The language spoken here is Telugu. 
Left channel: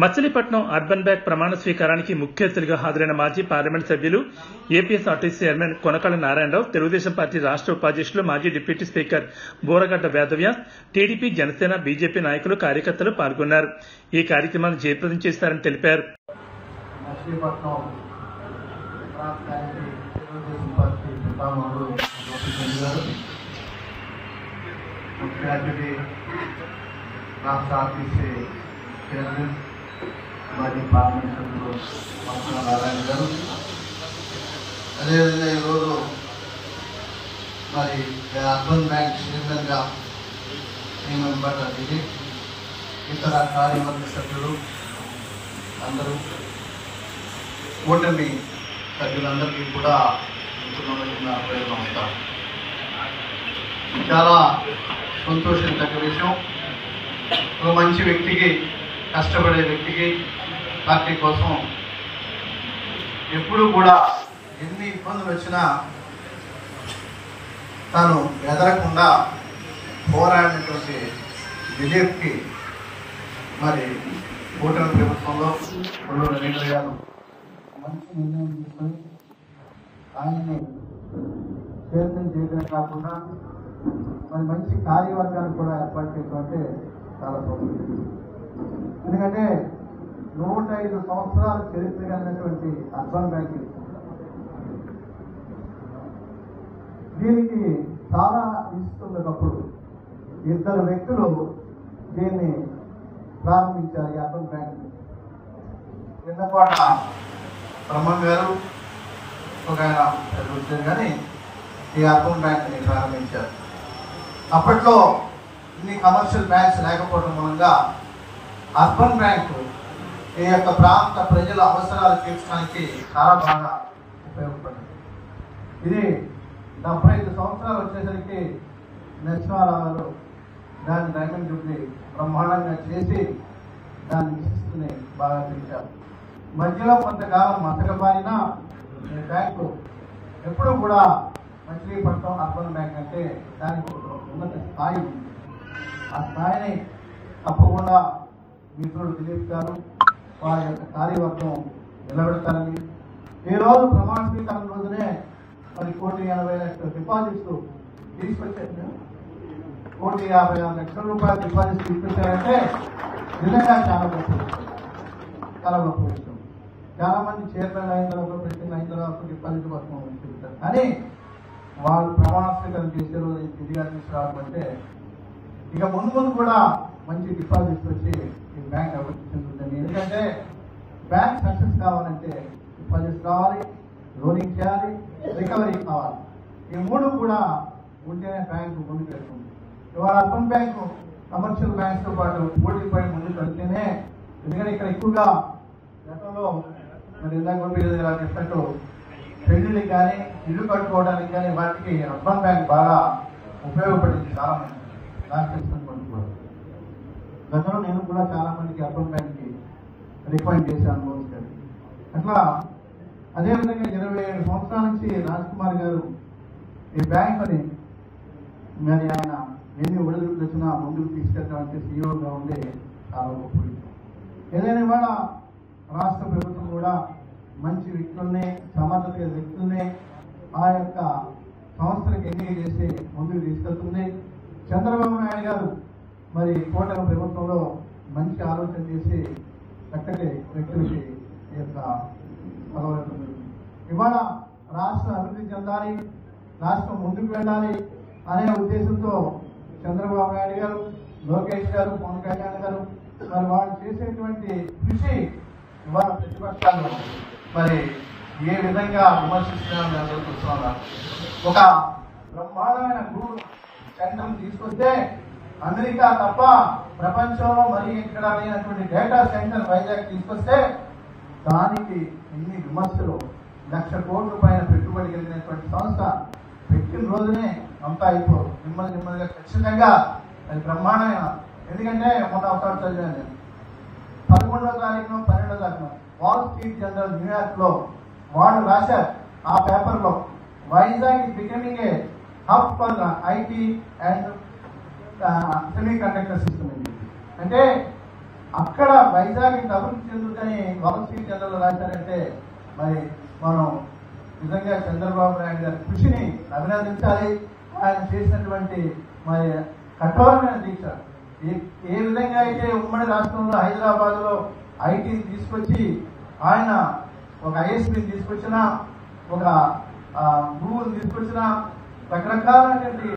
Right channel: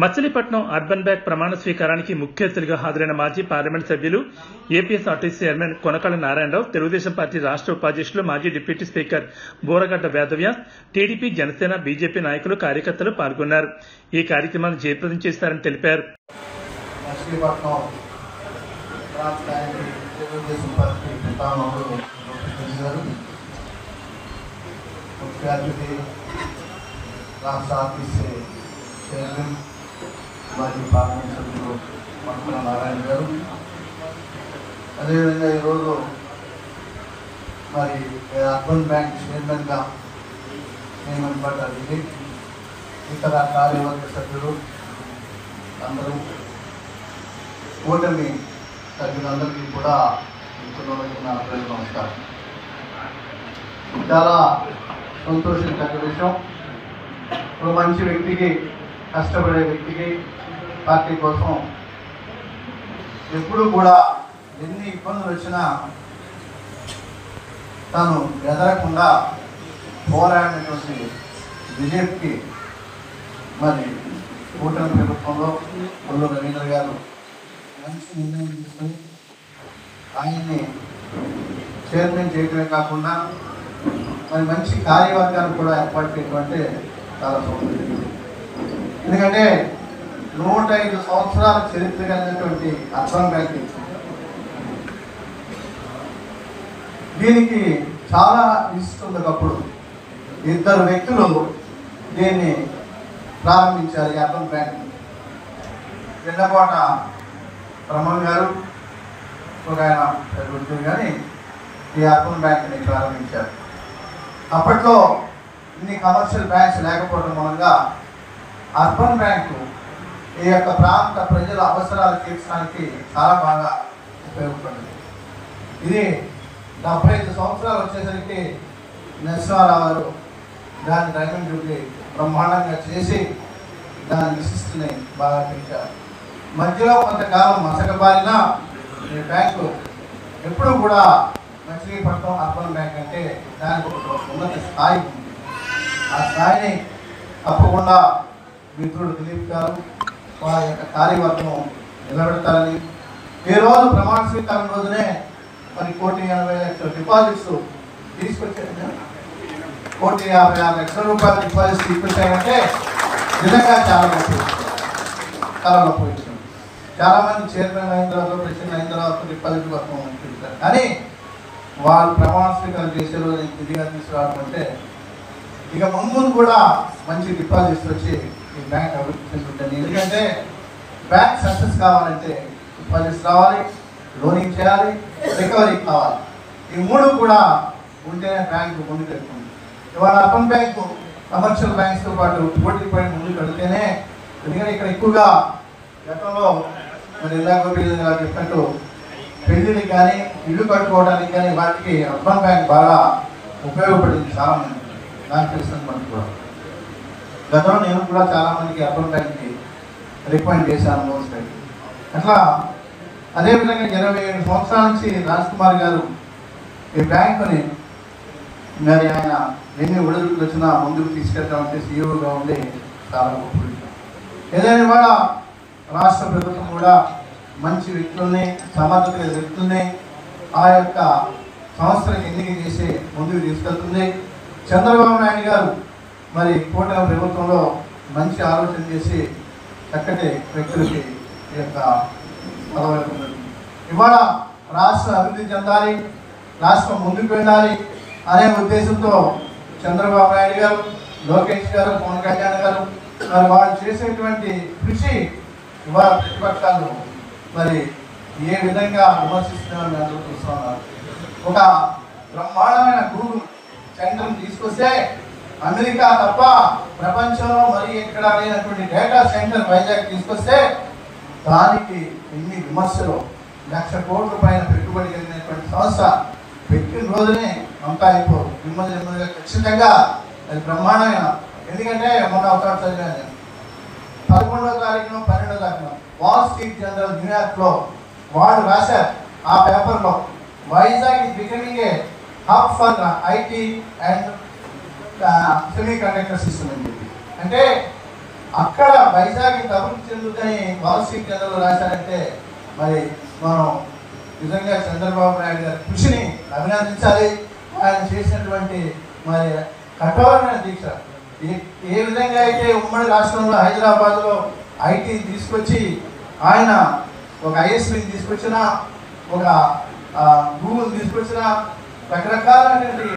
మచిలీపట్నం అర్బన్ బ్యాంక్ ప్రమాణ స్వీకారానికి ముఖ్య అతిథులుగా హాజరైన మాజీ పార్లమెంట్ సభ్యులు APSRTC chairman Konakalla Narayana Rao, Telugu Desam party రాష్ట్ర ఉపాధ్యక్షులు మాజీ deputy speaker Boragadda Vedavyas, TDP, Janasena, BJP నాయకులు, కార్యకర్తలు పాల్గొన్నారు. ఈ కార్యక్రమాన్ని జయప్రదం చేస్తారని తెలిపారు. మాజీ పార్లమెంట్ సభ్యులు నారాయణ గారు, అదేవిధంగా ఈరోజు మరి అర్బన్ బ్యాంక్ చైర్మన్గా నియమింపబడ్డ దిలీప్, ఇతర కార్యవర్గ సభ్యులు అందరూ, కూటమి సభ్యులందరికీ కూడా నా నమస్కారం. చాలా సంతోషించదగ్గ విషయం. ఒక మంచి వ్యక్తికి, కష్టపడే వ్యక్తికి, పార్టీ కోసం ఎప్పుడు కూడా ఎన్ని ఇబ్బందులు వచ్చినా తను ఎదరకుండా పోరాడినటువంటి దిలీప్కి మరి కూటమి ప్రభుత్వంలో నరేంద్ర గారు మంచి నిర్ణయం తీసుకుని ఆయన్ని చైర్మన్ చేయడమే కాకుండా మరి మంచి కార్యవర్గాన్ని కూడా ఏర్పాటు చేయడం చాలా సౌకర్యం. ఎందుకంటే 105 సంవత్సరాల చరిత్ర కలిగినటువంటి అర్బన్ బ్యాంక్ దీనికి చాలా ఇస్తుంది. ఒకప్పుడు ఇద్దరు వ్యక్తులు దీన్ని ప్రారంభించారు. ఈ అర్బన్ బ్యాంక్ వెన్నకోట బ్రహ్మం గారు ఒక ఆయన ఉద్యోగి కానీ ఈ అర్బన్ బ్యాంక్ని ప్రారంభించారు. అప్పట్లో ఇన్ని కమర్షియల్ బ్యాంక్స్ లేకపోవడం మూలంగా అర్బన్ బ్యాంకు ఈ యొక్క ప్రాంత ప్రజల అవసరాలు తీర్చడానికి చాలా బాగా ఉపయోగపడింది. ఇది 75 సంవత్సరాలు వచ్చేసరికి నరసింహారావు గారు దాన్ని డైమండ్ జూబ్లీ బ్రహ్మాండంగా చేసి దాని విశిష్టని బాగా పెంచారు. మధ్యలో కొంతకాలం మసకబారిన ఈ బ్యాంకు ఎప్పుడు కూడా మచిలీపట్నం అర్బన్ బ్యాంక్ అంటే దానికి ఒక ఉన్నత స్థాయి ఉంది. ఆ స్థాయిని తప్పకుండా మిత్రుడు దిలీప్ గారు వారి యొక్క కార్యవర్గం నిలబెడతారని, ఈ రోజు ప్రమాణ స్వీకారం రోజునే మరి 1,80,00,000 డిపాజిట్స్ తీసుకొచ్చారు. 1,56,00,000 రూపాయల డిపాజిట్స్ తీసుకొచ్చారంటే నిజంగా చాలా గొప్ప విషయం. చాలా మంది చైర్మన్ అయిన తర్వాత, ప్రెసిడెంట్ అయిన తర్వాత డిపాజిట్ వర్గం పెడతారు, కానీ వాళ్ళు ప్రమాణ స్వీకారం చేసే రోజు తిరిగి తీసుకురావడం అంటే ఇక ముందు కూడా మంచి డిపాజిట్స్ వచ్చి ఈ బ్యాంక్ అభివృద్ధి చెందుతుంది. ఎందుకంటే బ్యాంక్ సక్సెస్ కావాలంటే డిపాజిట్స్ రావాలి, లోనింగ్ చేయాలి, రికవరీ కావాలి. ఈ మూడు కూడా ఉంటేనే బ్యాంకు ముందుకు వెళ్తుంది. ఇవాళ అర్బన్ బ్యాంకు కమర్షియల్ బ్యాంక్స్తో పాటు పోటీ పడి ముందుకు వెళితేనే, ఎందుకంటే ఇక్కడ ఎక్కువగా గతంలో మరి ఇందాక చెప్పినట్టు పెళ్లికి కానీ ఇల్లు కట్టుకోవడానికి కానీ వాటికి అర్బన్ బ్యాంక్ బాగా ఉపయోగపడింది. చాలా మంది నాకు తెలిసిన మంది కూడా గతంలో నేను కూడా చాలా మందికి అర్బన్ బ్యాంక్కి రికమెండ్ చేశాను మోస్ట్. అట్లా అదేవిధంగా 27 సంవత్సరాల నుంచి రాజ్ కుమార్ గారు ఈ బ్యాంకుని మరి ఆయన ఎన్ని ఒడిదుడుకులు వచ్చినా ముందుకు తీసుకెళ్ళడం అంటే సీఈఓగా ఉండి చాలా గొప్ప విషయం. ఏదైనా ఇవాళ రాష్ట్ర ప్రభుత్వం కూడా మంచి వ్యక్తుల్ని, సమర్థత వ్యక్తుల్ని ఆ యొక్క సంస్థలకు ఎన్నిక చేసి ముందుకు తీసుకెళ్తుంది. చంద్రబాబు నాయుడు గారు మరి కూటమి ప్రభుత్వంలో మంచి ఆలోచన చేసి చక్కటి వ్యక్తులకి ఈ యొక్క పదవులు ఇవాళ రాష్ట్రం అభివృద్ధి చెందాలి, రాష్ట్రం ముందుకు వెళ్ళాలి అనే ఉద్దేశంతో చంద్రబాబు నాయుడు గారు, లోకేష్ గారు, పవన్ కళ్యాణ్ గారు మరి వాళ్ళు చేసేటువంటి కృషి ఇవాళ ప్రతిపక్షాలు మరి ఏ విధంగా విమర్శిస్తున్నారని అందరూ చూస్తున్నారు. ఒక బ్రహ్మాండమైన గూగుల్ సెంటర్ తీసుకొస్తే అమెరికా తప్ప ప్రపంచంలో మరి ఎక్కడ లేనటువంటి డేటా సెంటర్ వైజాగ్ తీసుకొస్తే దానికి ఎన్ని విమర్శలు, 1,00,000 కోట్ల పైన పెట్టుబడి కలిగినటువంటి సంస్థ పెట్టిన రోజునే అంతా అయిపోదు. నెమ్మదిగా ఖచ్చితంగా అది బ్రహ్మాండమైన. ఎందుకంటే మొన్న ఒక చదివాను, 11వ తారీఖున 12వ తారీఖున వాల్ స్ట్రీట్ జనరల్ న్యూయార్క్లో వాళ్ళు రాశారు ఆ పేపర్లో, Vizag is becoming a hub for IT and semi conductor system అని చెప్పి. అంటే అక్కడ వైజాగ్ అభివృద్ధి చెందుతాయి వాల్ స్ట్రీట్ కేంద్రంలో రాశారంటే మరి మనం నిజంగా చంద్రబాబు నాయుడు గారి కృషిని అభినందించాలి. ఆయన చేసినటువంటి మరి కఠోరమైన దీక్ష ఏ విధంగా అయితే ఉమ్మడి రాష్ట్రంలో హైదరాబాద్లో ఐటీని తీసుకొచ్చి ఆయన ఒక ఐఎస్బిని తీసుకొచ్చిన, ఒక గూగుల్ తీసుకొచ్చిన, రకరకాలైనటువంటి